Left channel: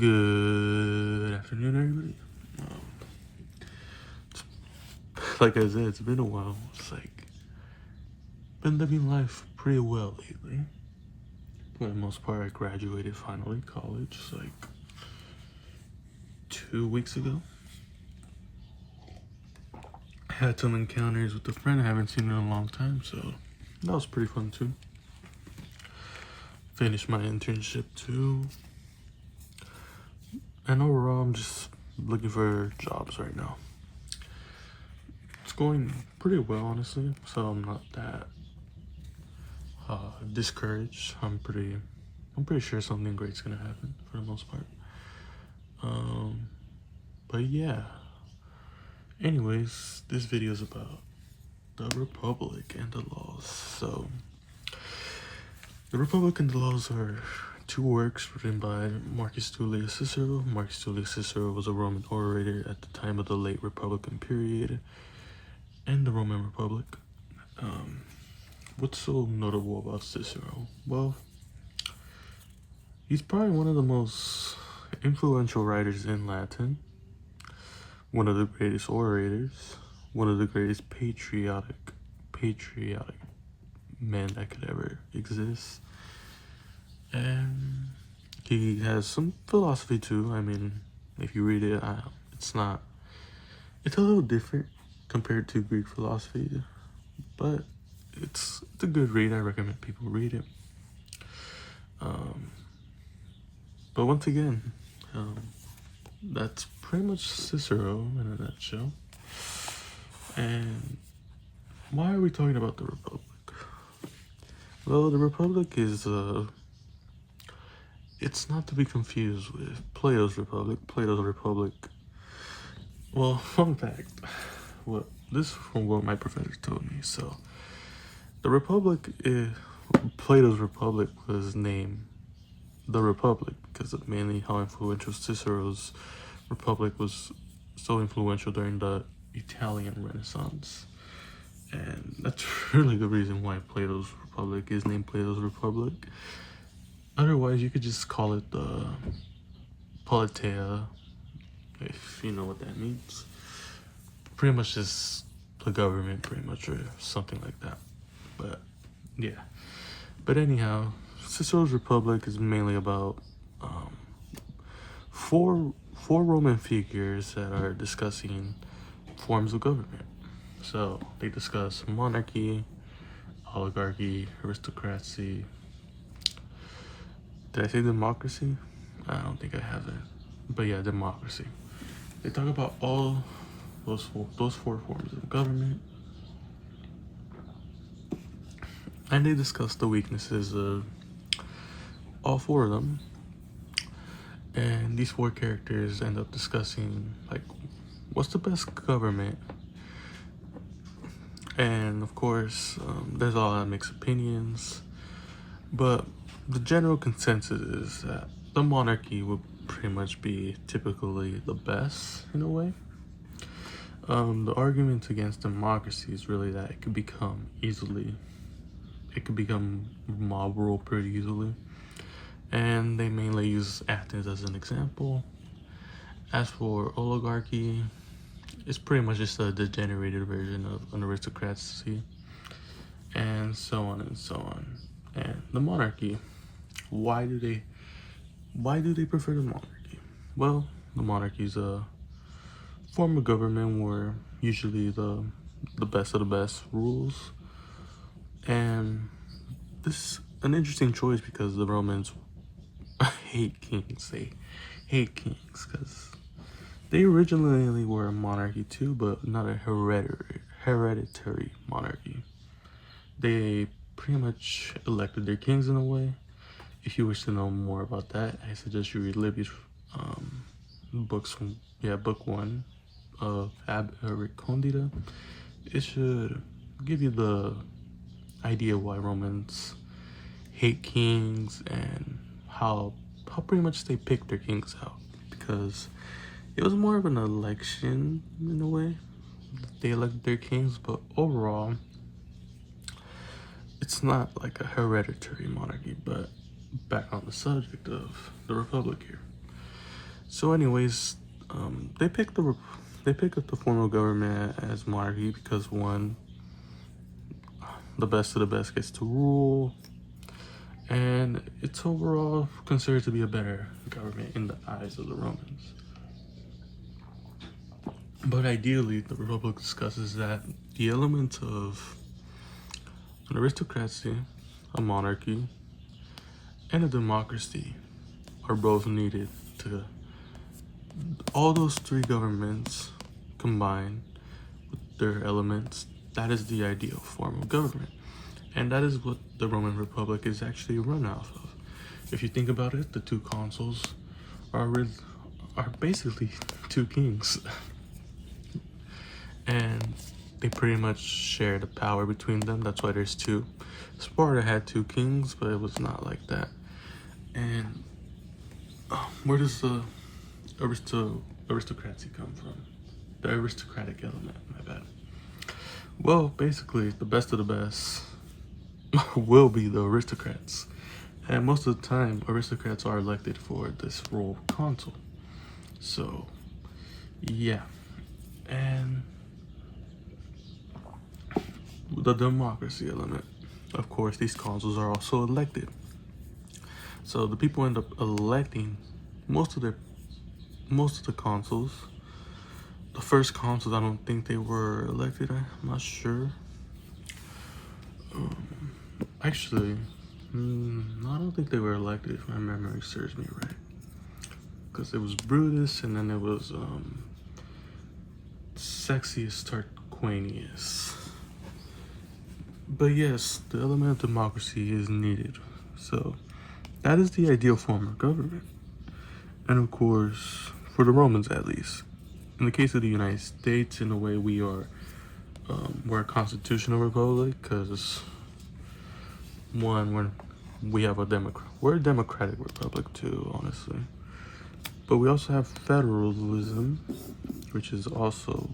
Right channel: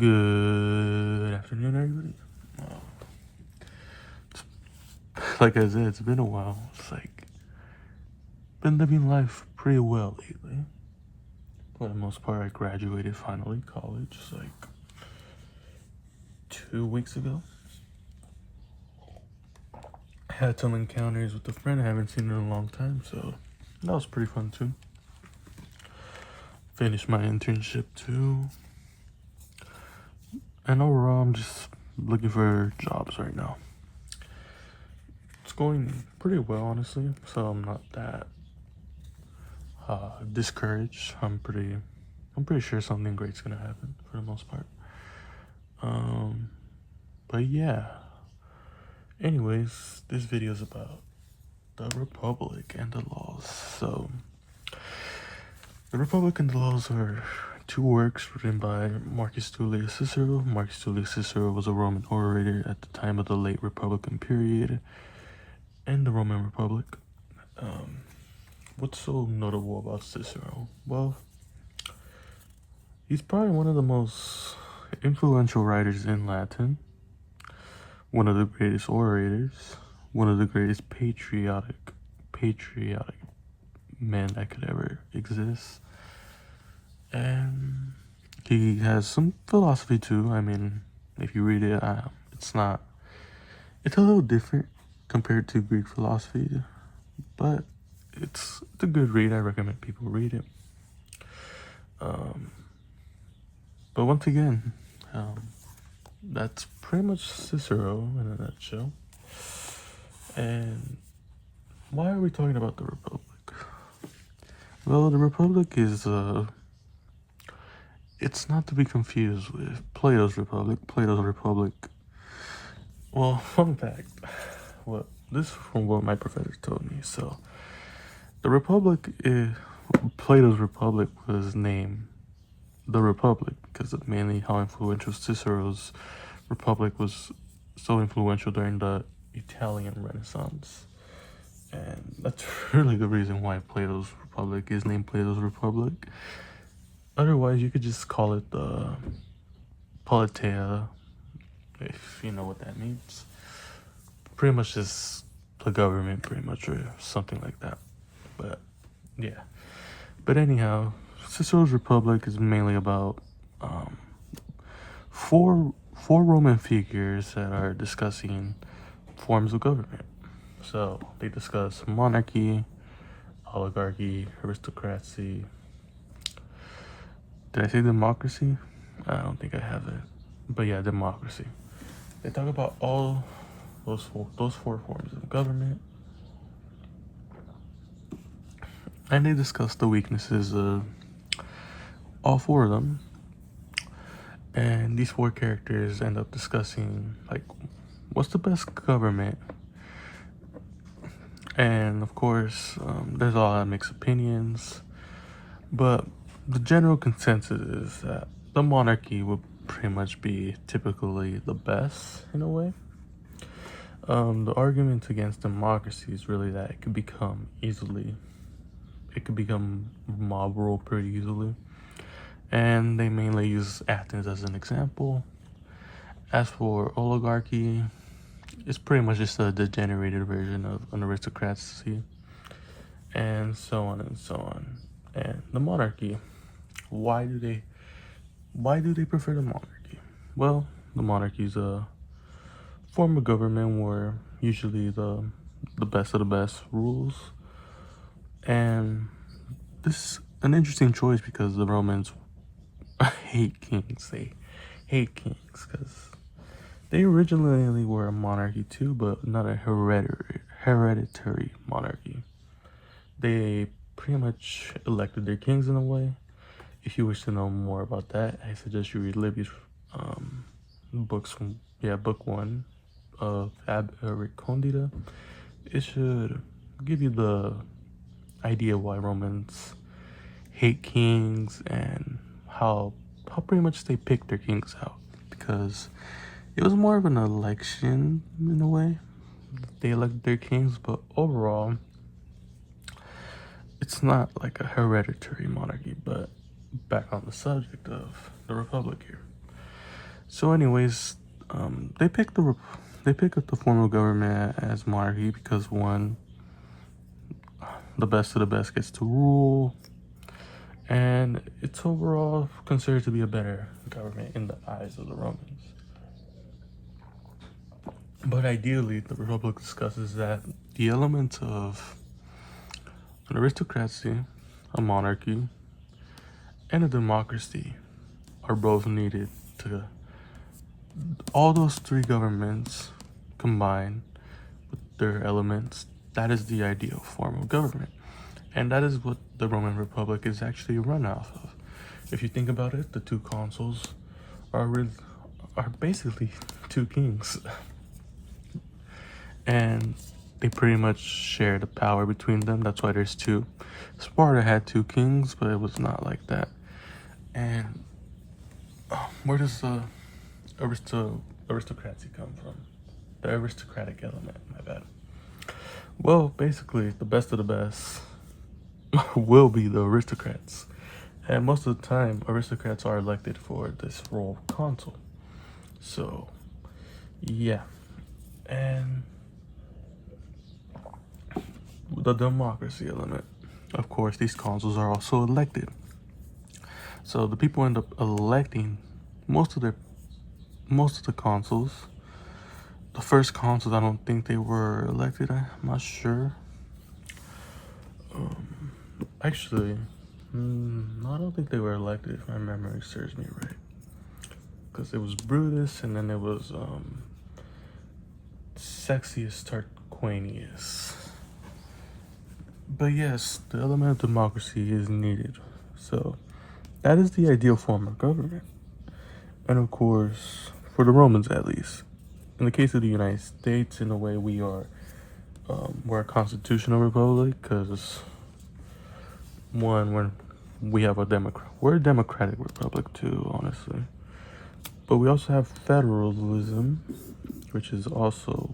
Good afternoon, everybody. Like I said, it's been a while. It's like been living life pretty well lately. For the most part, I graduated finally college like 2 weeks ago. Had some encounters with a friend I haven't seen in a long time, so that was pretty fun too. Finished my internship too. And overall, I'm just looking for jobs right now. It's going pretty well, honestly, so I'm not that discouraged. I'm pretty sure something great's gonna happen for the most part. But yeah. Anyways, this video is about the Republic and the laws. So, the Republic and the laws are two works written by Marcus Tullius Cicero. Marcus Tullius Cicero was a Roman orator at the time of the late Republican period in the Roman Republic. What's so notable about Cicero? Well, he's probably one of the most influential writers in Latin, one of the greatest orators, one of the greatest patriotic men that could ever exist. And he has some philosophy too. I mean, if you read it, it's a little different compared to Greek philosophy, but it's a good read. I recommend people read it. But once again, that's pretty much Cicero in a nutshell. And why are we talking about the Republic? Well, the Republic is it's not to be confused with Plato's Republic. Plato's Republic. Well, fun fact. This is from what my professor told me. So, the Republic Plato's Republic was named the Republic because of mainly how influential Cicero's Republic was so influential during the Italian Renaissance. And that's really the reason why Plato's Republic is named Plato's Republic. Otherwise, you could just call it the Politeia, if you know what that means. Pretty much just the government, pretty much, or something like that. But, yeah. But anyhow, Cicero's Republic is mainly about four Roman figures that are discussing forms of government. So they discuss monarchy, oligarchy, aristocracy. Did I say democracy? I don't think I have it. But yeah, democracy. They talk about all those four forms of government. And they discuss the weaknesses of all four of them. And these four characters end up discussing, like, what's the best government? And of course, there's a lot of mixed opinions, but the general consensus is that the monarchy would pretty much be typically the best in a way. The arguments against democracy is really that it could become mob rule pretty easily. And they mainly use Athens as an example. As for oligarchy, it's pretty much just a degenerated version of an aristocracy, and so on and so on. And the monarchy, why do they prefer the monarchy? Well, the monarchy is a form of government where usually the best of the best rules. And this is an interesting choice because the Romans hate kings. They hate kings because they originally were a monarchy too, but not a hereditary monarchy. They pretty much elected their kings in a way. If you wish to know more about that, I suggest you read Livy's book 1 of Ab Recondita. It should give you the idea why Romans hate kings and how pretty much they pick their kings out, because it was more of an election in a way. They elected their kings, but overall, it's not like a hereditary monarchy. But back on the subject of the Republic here. So, anyways, they picked up the form of government as monarchy because one, the best of the best gets to rule, and it's overall considered to be a better government in the eyes of the Romans. But ideally, the Republic discusses that the elements of an aristocracy, a monarchy, and a democracy are both needed to all those three governments combined with their elements. That is the ideal form of government. And that is what the Roman Republic is actually run off of. If you think about it, the two consuls are basically two kings. And they pretty much share the power between them. That's why there's two. Sparta had two kings, but it was not like that. And where does the aristocracy come from? The aristocratic element, my bad. Well, basically, the best of the best will be the aristocrats. And most of the time, aristocrats are elected for this role of consul. So, yeah. And the democracy element. Of course, these consuls are also elected. So the people end up electing most of the consuls. The first consuls, I don't think they were elected. I'm not sure. Actually, I don't think they were elected, if my memory serves me right. Because it was Brutus, and then there was Sexius Tarquinius. But yes, the element of democracy is needed. So that is the ideal form of government. And of course, for the Romans at least. In the case of the United States, in a way, we're a constitutional republic because when we have we're a democratic republic too, honestly. But we also have federalism, which is also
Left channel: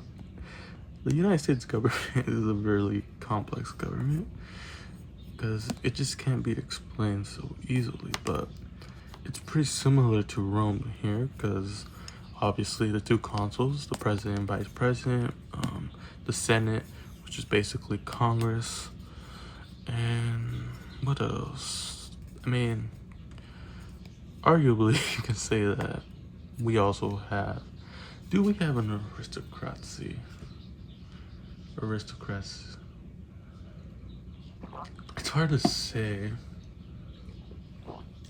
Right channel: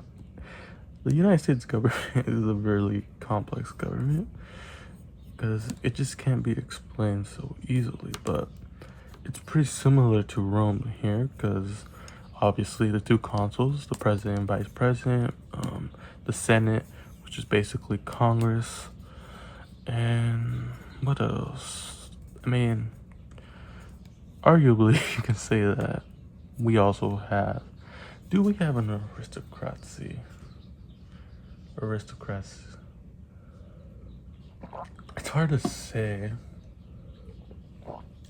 the United States government is a very complex government because it just can't be explained so easily. But it's pretty similar to Rome here because obviously the two consuls, the president and vice president, the Senate, which is basically Congress, and what else? I mean, arguably you can say that we also have. Do we have an aristocracy? It's hard to say.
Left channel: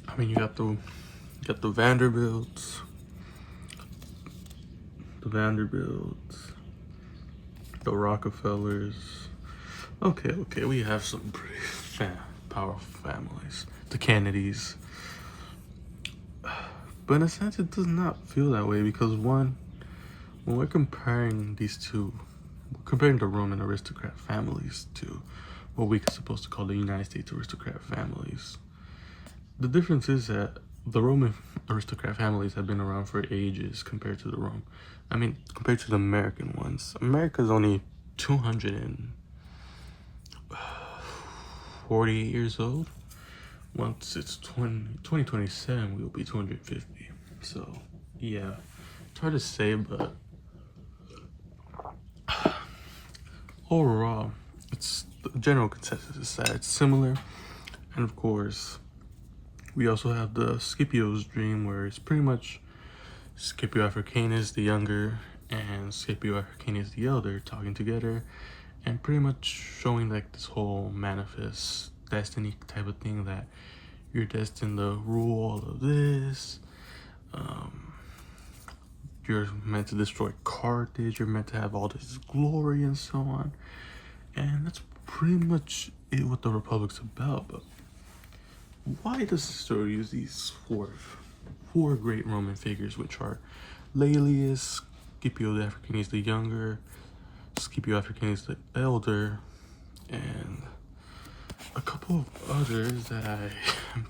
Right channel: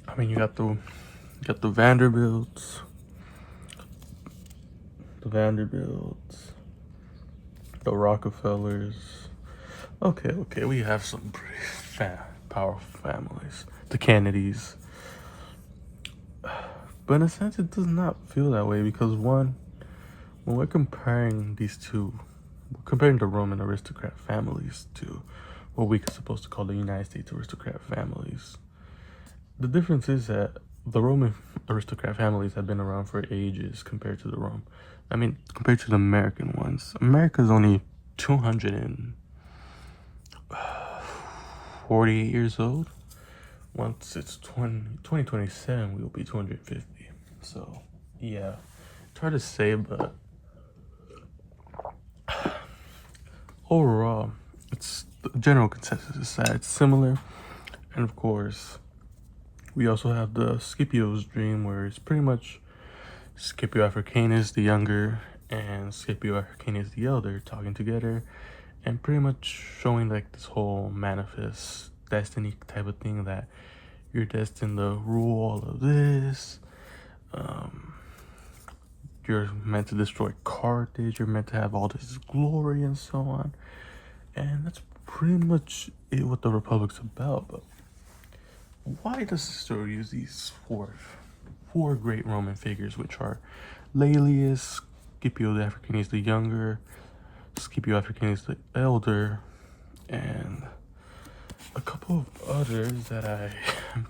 I mean, you got the Vanderbilts, the Rockefellers. Okay, we have some pretty powerful families. The Kennedys. But in a sense, it does not feel that way because when we're comparing the Roman aristocrat families to what we're supposed to call the United States aristocrat families, the difference is that the Roman aristocrat families have been around for ages compared to the American ones. America's only 248 years old. Once it's 2027, we'll be 250. So, yeah, it's hard to say, but overall, it's the general consensus is that it's similar. And of course, we also have the Scipio's dream, where it's pretty much Scipio Africanus the younger and Scipio Africanus the elder talking together and pretty much showing like this whole manifest destiny type of thing, that you're destined to rule all of this. You're meant to destroy Carthage. You're meant to have all this glory and so on. And that's pretty much what the Republic's about. But why does Cicero use these four great Roman figures, which are Laelius, Scipio Africanus the younger, Scipio Africanus the elder, and a couple of others that I'm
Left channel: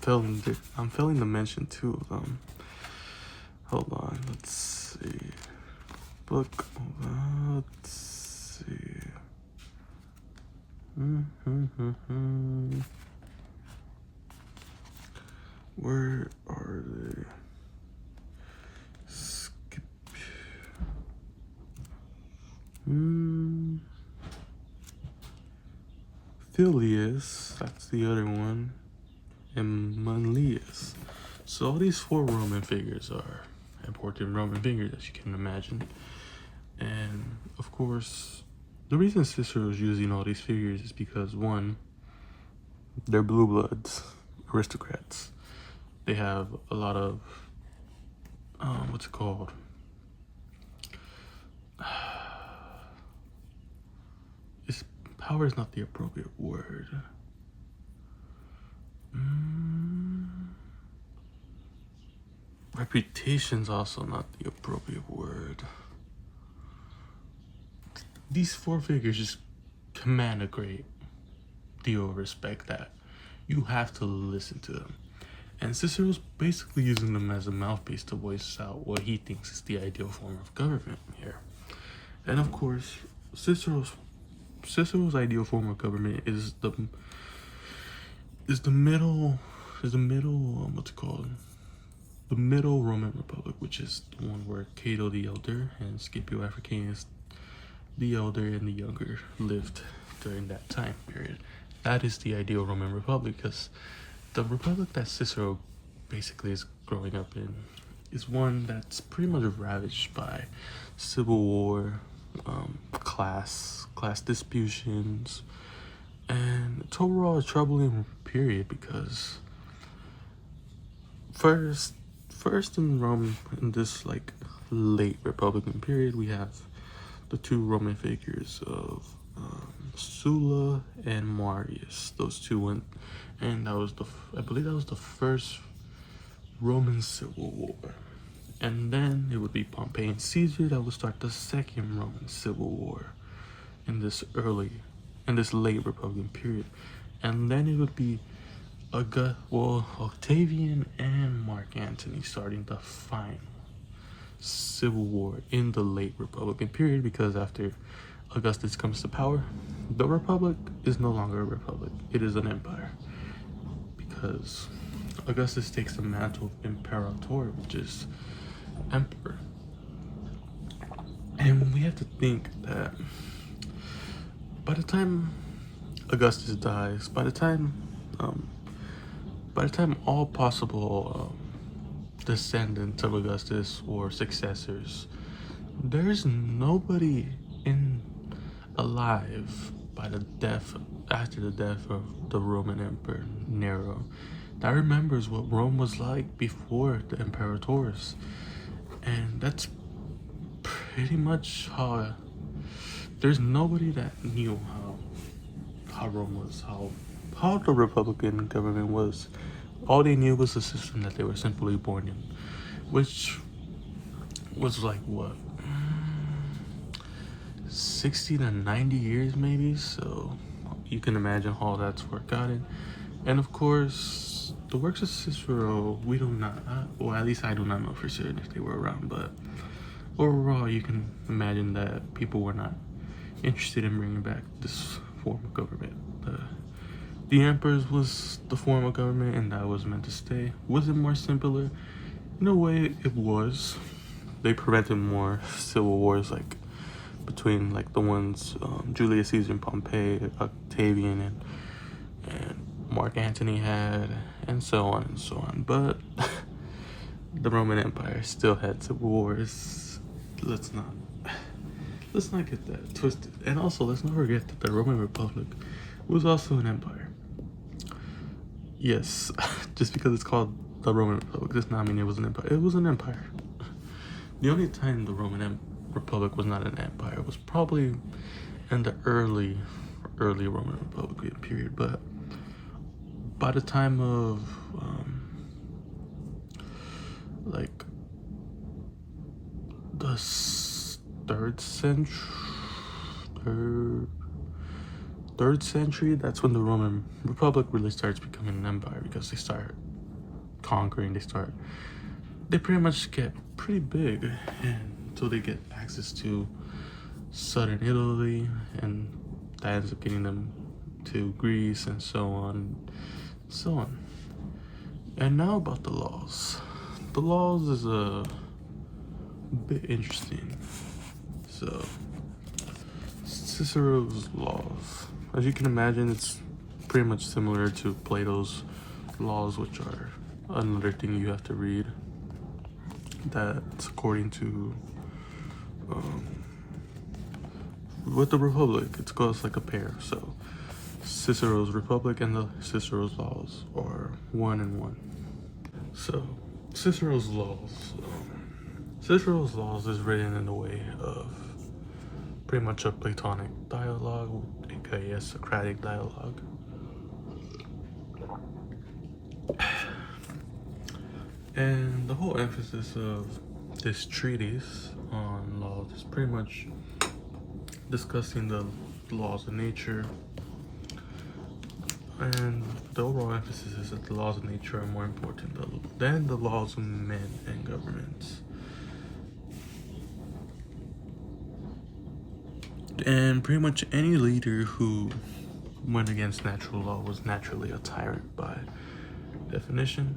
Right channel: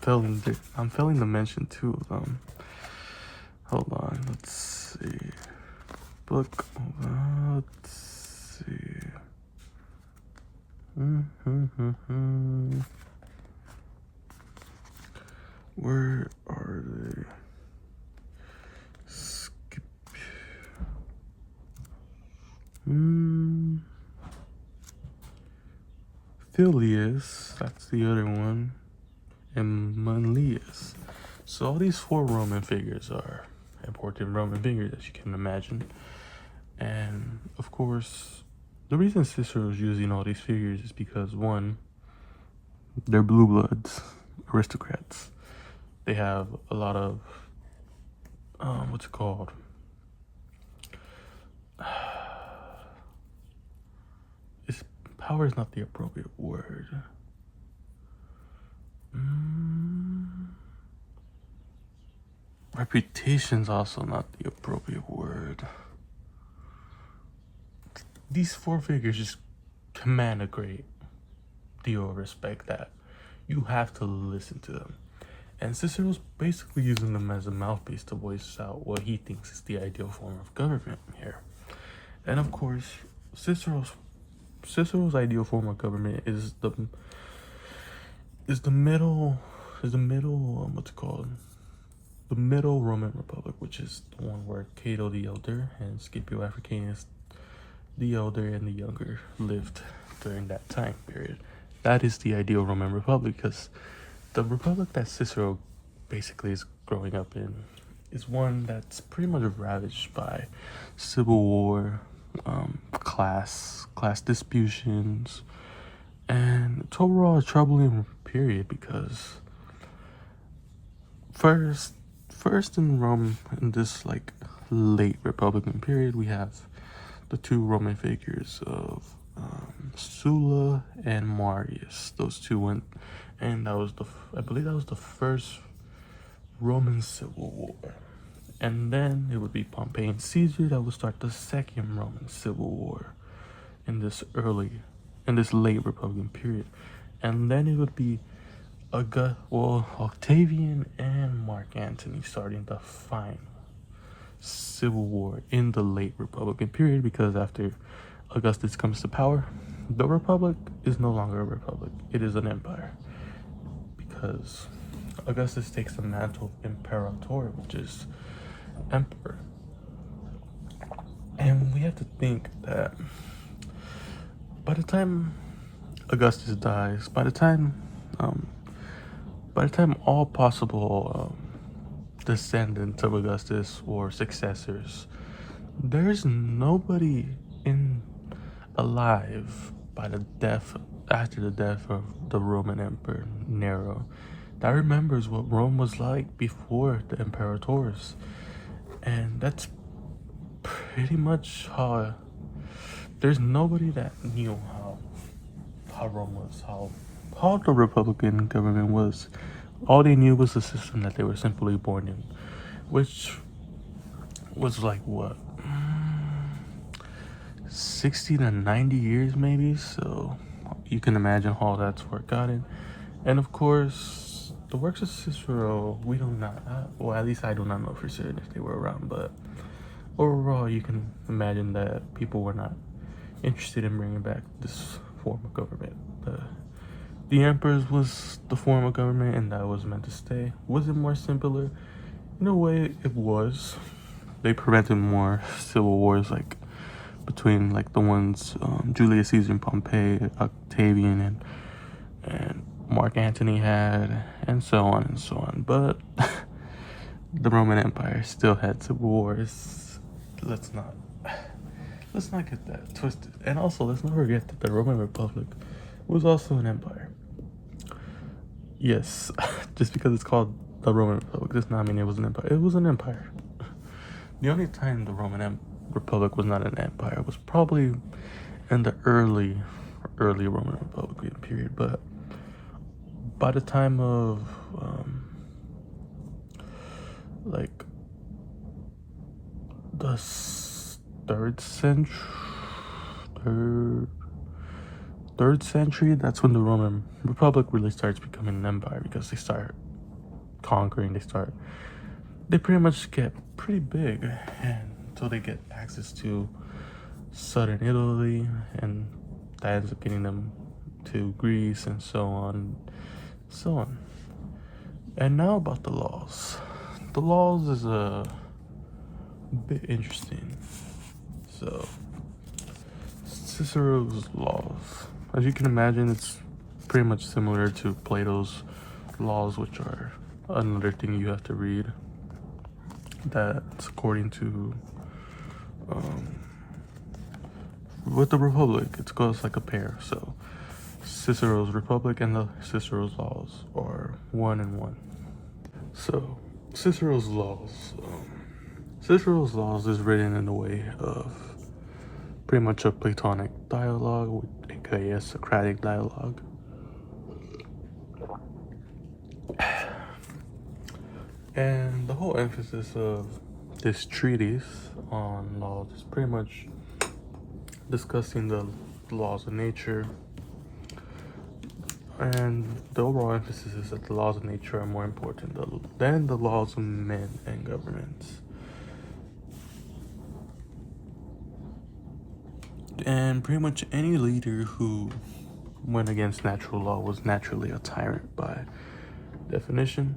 failing to mention two of them. Hold on, let's see. Let's see. Where are they? Tullius, that's the other one, and Manlius. So all these 4 Roman figures are important Roman figures, as you can imagine. And of course, the reason Cicero is using all these figures is because, one, they're blue bloods, aristocrats. They have a lot of, what's it called? Power is not the appropriate word. Reputation's also not the appropriate word. These 4 figures just command a great deal of respect that you have to listen to them. And Cicero's basically using them as a mouthpiece to voice out what he thinks is the ideal form of government here. And of course, Cicero's ideal form of government is the middle what's it called? The middle Roman Republic, which is the one where Cato the Elder and Scipio Africanus the Elder and the Younger lived during that time period. That is the ideal Roman Republic, because the republic that Cicero basically is growing up in is one that's pretty much ravaged by civil war, class disputations, and it's overall a troubling period because first in Rome, in this like late Republican period, we have the 2 Roman figures of Sulla and Marius. Those 2 went, and I believe that was the first Roman Civil War. And then it would be Pompey and Caesar that would start the second Roman Civil War in this late Republican period. And then it would be Octavian and Mark Antony starting the final Civil War in the late Republican period, because after Augustus comes to power, the Republic is no longer a republic, it is an empire. Because Augustus takes the mantle of Imperator, which is emperor. And we have to think that by the time Augustus dies, by the time all possible descendants of Augustus or successors, there's nobody alive after the death of the Roman Emperor Nero that remembers what Rome was like before the imperators. And that's pretty much how there's nobody that knew how Rome was, how the Republican government was. All they knew was the system that they were simply born in, which was like what, 60 to 90 years maybe. So you can imagine how that's worked out in. And of course, the works of Cicero, we do not, well, at least I do not know for certain if they were around, but overall, you can imagine that people were not interested in bringing back this form of government. The emperors was the form of government, and that was meant to stay. Was it more simpler? In a way, it was. They prevented more civil wars, like between like the ones Julius Caesar and Pompey, Octavian and Mark Antony had, and so on and so on. But the Roman Empire still had civil wars. Let's not get that twisted. And also, let's not forget that the Roman Republic was also an empire. Yes, just because it's called the Roman Republic does not mean it was an empire. It was an empire. The only time the Roman Republic was not an empire was probably in the early Roman Republic period. But by the time of like the 3rd century, that's when the Roman Republic really starts becoming an empire, because they start conquering, they pretty much get pretty big until they get access to southern Italy, and that ends up getting them to Greece, and so on. And now about the laws. The laws is a bit interesting. So Cicero's laws, as you can imagine, it's pretty much similar to Plato's laws, which are another thing you have to read. That's according to with the Republic, it goes like a pair. So Cicero's Republic and the Cicero's laws are one and one. So Cicero's laws. Cicero's laws is written in a way of pretty much a Platonic dialogue, aka a Socratic dialogue. And the whole emphasis of this treatise on laws is pretty much discussing the laws of nature. And the overall emphasis is that the laws of nature are more important than the laws of men and governments. And pretty much any leader who went against natural law was naturally a tyrant by definition.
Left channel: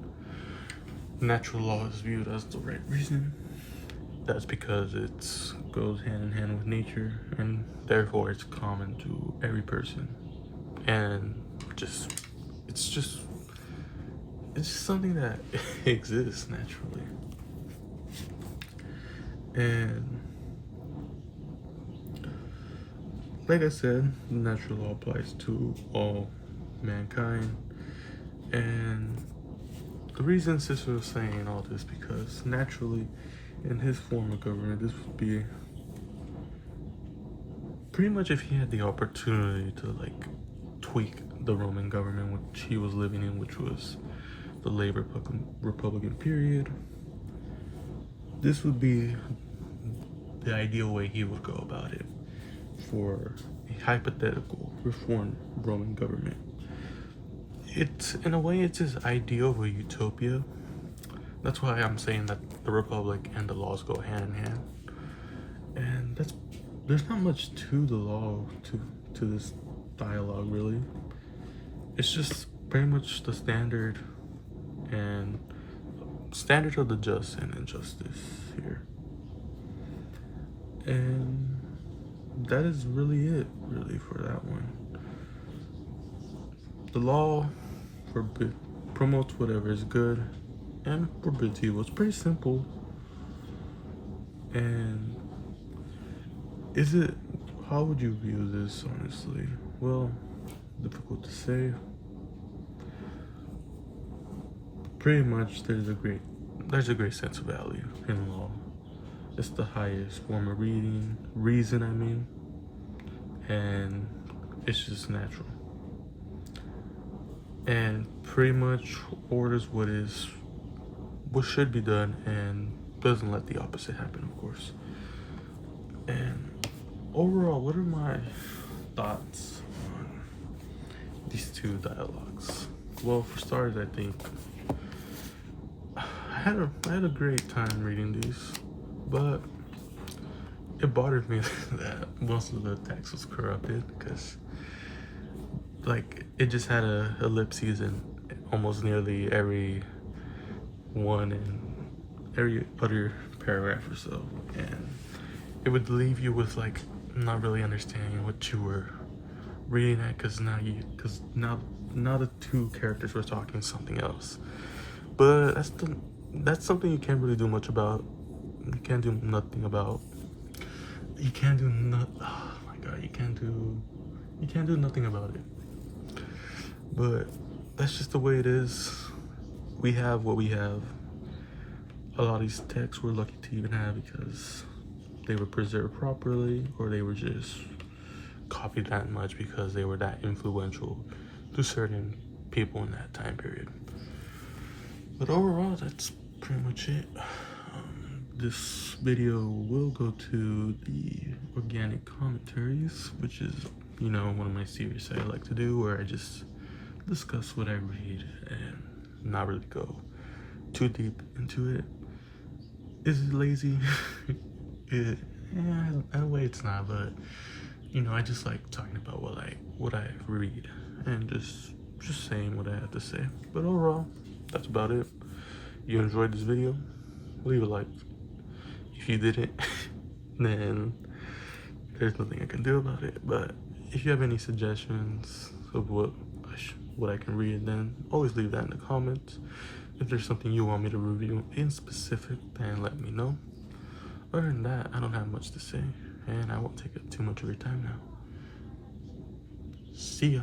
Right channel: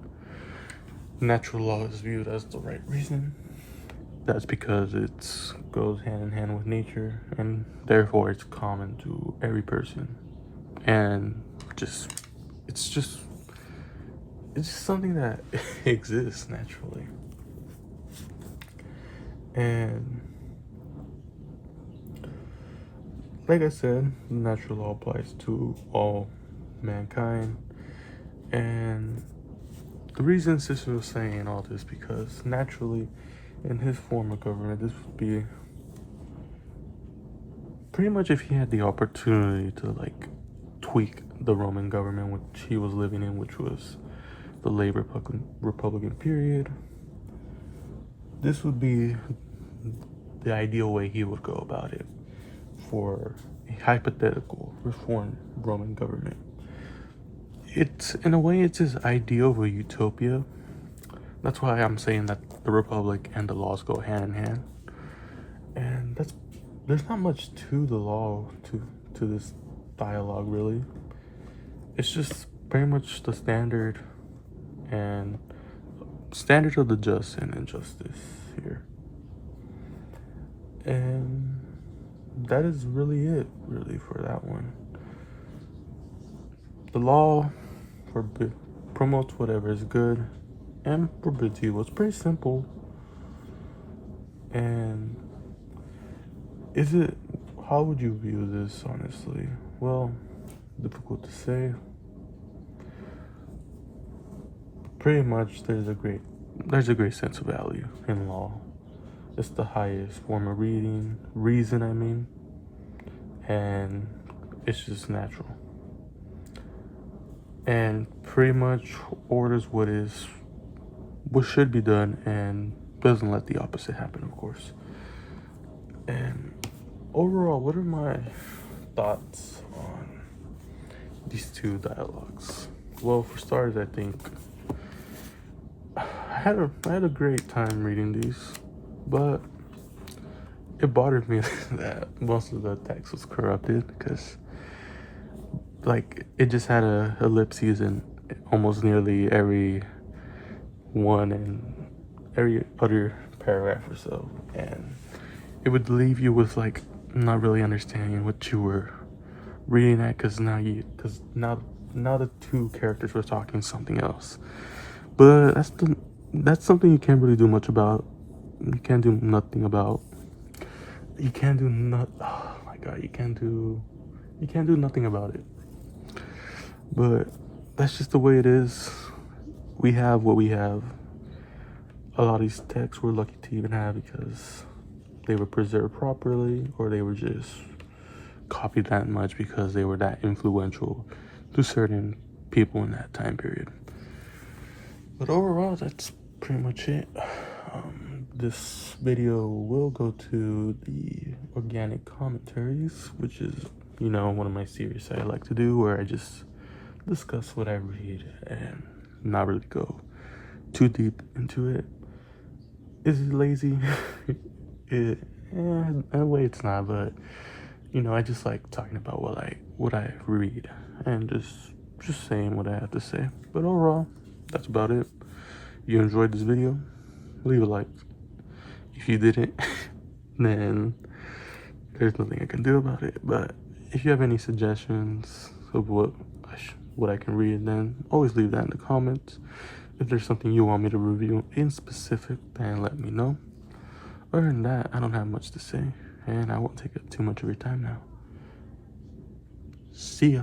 Natural law is viewed as the right reason. That's because it goes hand in hand with nature, and therefore it's common to every person. And it's just something that exists naturally. And like I said, natural law applies to all mankind. And the reason Cicero is saying all this, because naturally in his form of government, this would be pretty much if he had the opportunity to like tweak the Roman government which he was living in, which was the late Republican period. This would be the ideal way he would go about it for a hypothetical reformed Roman government. It's in a way, it's his ideal of a utopia. That's why I'm saying that the Republic and the laws go hand in hand. And there's not much to the law, to this dialogue really. It's just pretty much the standard of the just and injustice here. And that is really it, really, for that one. The law promotes whatever is good and forbids evil. It's pretty simple. And how would you view this, honestly? Well, difficult to say. Pretty much there's a great sense of value in law. It's the highest form of reason, and it's just natural. And pretty much orders what should be done and doesn't let the opposite happen, of course. And overall, what are my thoughts on these two dialogues? Well, for starters, I think I had a great time reading these, but it bothered me that most of the text was corrupted, because like it just had ellipses in almost nearly every one and every other paragraph or so, and it would leave you with like not really understanding what you were reading at, because now the two characters were talking something else. But that's something you can't really do much about. You can't do nothing about. You can't do nothing about it. But that's just the way it is. We have what we have. A lot of these texts we're lucky to even have because they were preserved properly, or they were just copied that much because they were that influential to certain people in that time period. But overall, that's pretty much it. This video will go to the organic commentaries, which is, one of my series I like to do, where I just discuss what I read and not really go too deep into it. Is it lazy? In a way it's not, but I just like talking about what I read and just saying what I have to say. But overall, that's about it. You enjoyed this video? Leave a like. If you didn't, then there's nothing I can do about it. But if you have any suggestions of what I should what I can read, then always leave that in the comments. If there's something you want me to review in specific, then let me know. Other than that, I don't have much to say, and I won't take up too much of your time now. See ya.